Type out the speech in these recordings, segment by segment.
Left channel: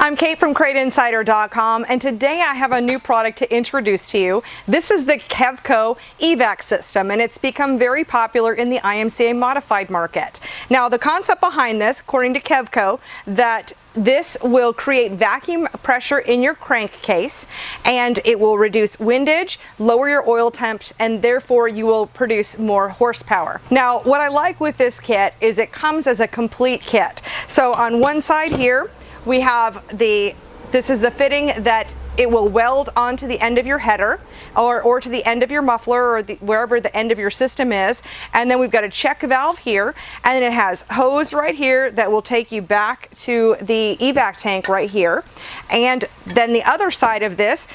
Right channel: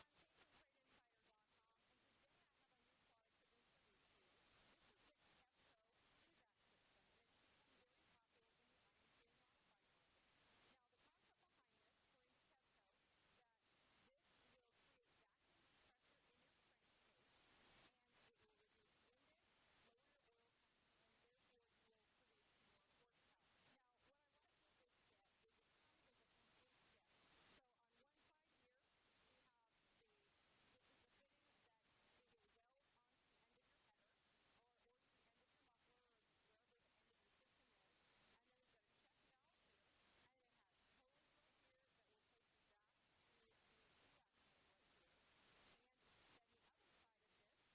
I'm Kate from CrateInsider.com, and today I have a new product to introduce to you. This is the Kevko Evac system, and it's become very popular in the IMCA modified market. Now, the concept behind this, according to Kevko, that this will create vacuum pressure in your crankcase, and it will reduce windage, lower your oil temps, and therefore you will produce more horsepower. Now, what I like with this kit is it comes as a complete kit. So on one side here, we have this is the fitting that it will weld onto the end of your header or to the end of your muffler or wherever the end of your system is. And then we've got a check valve here, and then it has hose right here that will take you back to the evac tank right here. And then the other side of this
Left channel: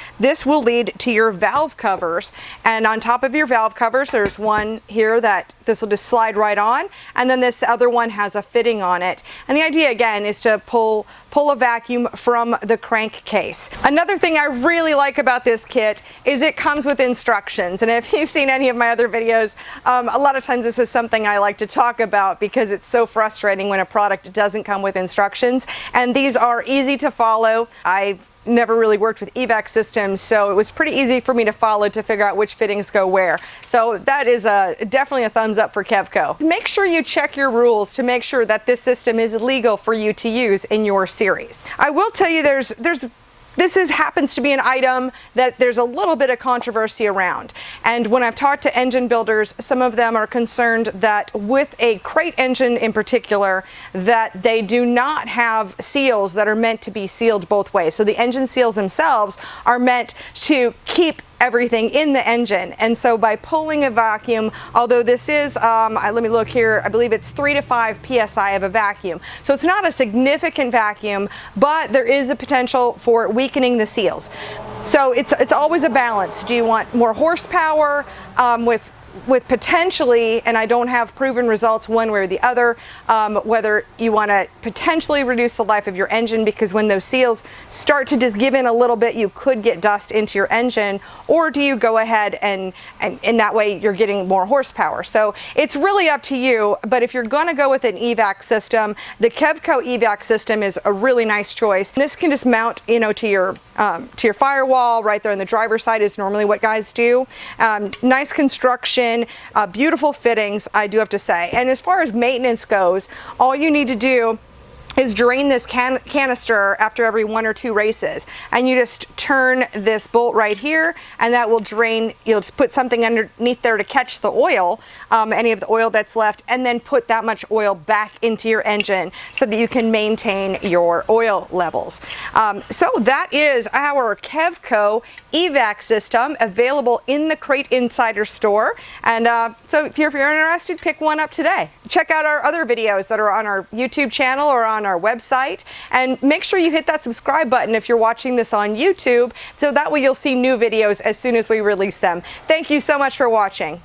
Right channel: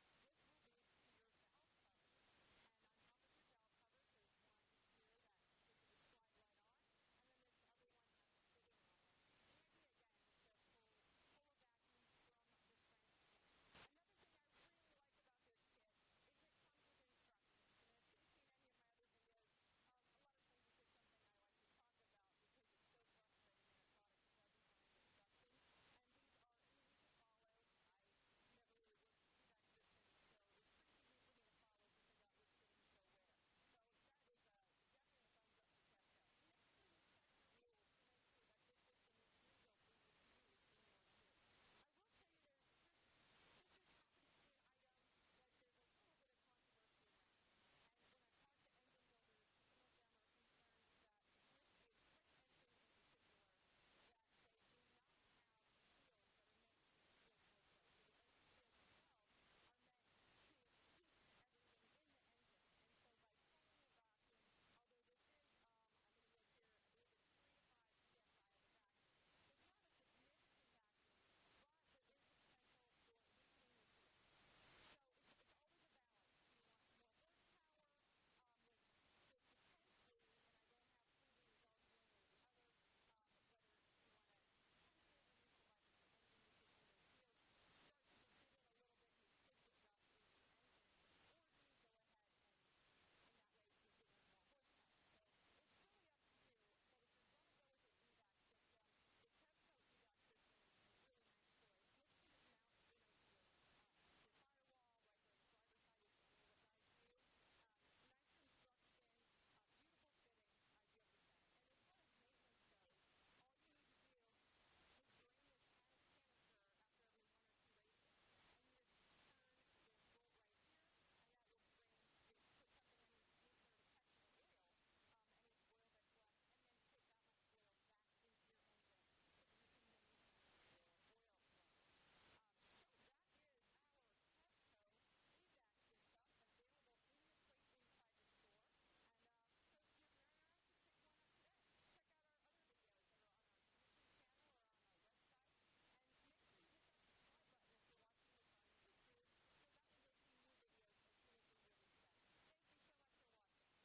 will lead to your valve covers. And on top of your valve covers, there's one here that this will just slide right on. And then this other one has a fitting on it. And the idea again is to pull a vacuum from the crankcase. Another thing I really like about this kit is it comes with instructions. And if you've seen any of my other videos, a lot of times this is something I like to talk about because it's so frustrating when a product doesn't come with instructions. And these are easy to follow. I've never really worked with evac systems, so it was pretty easy for me to follow to figure out which fittings go where. So that is definitely a thumbs up for Kevko. Make sure you check your rules to make sure that this system is legal for you to use in your series. I will tell you this happens to be an item that there's a little bit of controversy around. And when I've talked to engine builders, some of them are concerned that with a crate engine in particular, that they do not have seals that are meant to be sealed both ways. So the engine seals themselves are meant to keep everything in the engine. And so by pulling a vacuum, although this is, let me look here, I believe it's 3 to 5 psi of a vacuum. So it's not a significant vacuum, but there is a potential for weakening the seals. So it's always a balance. Do you want more horsepower with potentially, and I don't have proven results one way or the other, whether you want to potentially reduce the life of your engine, because when those seals start to just give in a little bit, you could get dust into your engine, or do you go ahead and in that way you're getting more horsepower? So it's really up to you, but if you're going to go with an evac system, the Kevko evac system is a really nice choice. This can just mount, to your firewall right there on the driver's side is normally what guys do. Nice construction. Beautiful fittings, I do have to say. And as far as maintenance goes, all you need to do is drain this canister after every 1 or 2 races, and you just turn this bolt right here, and that will drain. You'll just put something underneath there to catch the oil, any of the oil that's left, and then put that much oil back into your engine so that you can maintain your oil levels. So that is our Kevko evac system, available in the Crate Insider store. And so if you're interested, pick one up today. Check out our other videos that are on our YouTube channel or on our website, and make sure you hit that subscribe button if you're watching this on YouTube, so that way you'll see new videos as soon as we release them. Thank you so much for watching.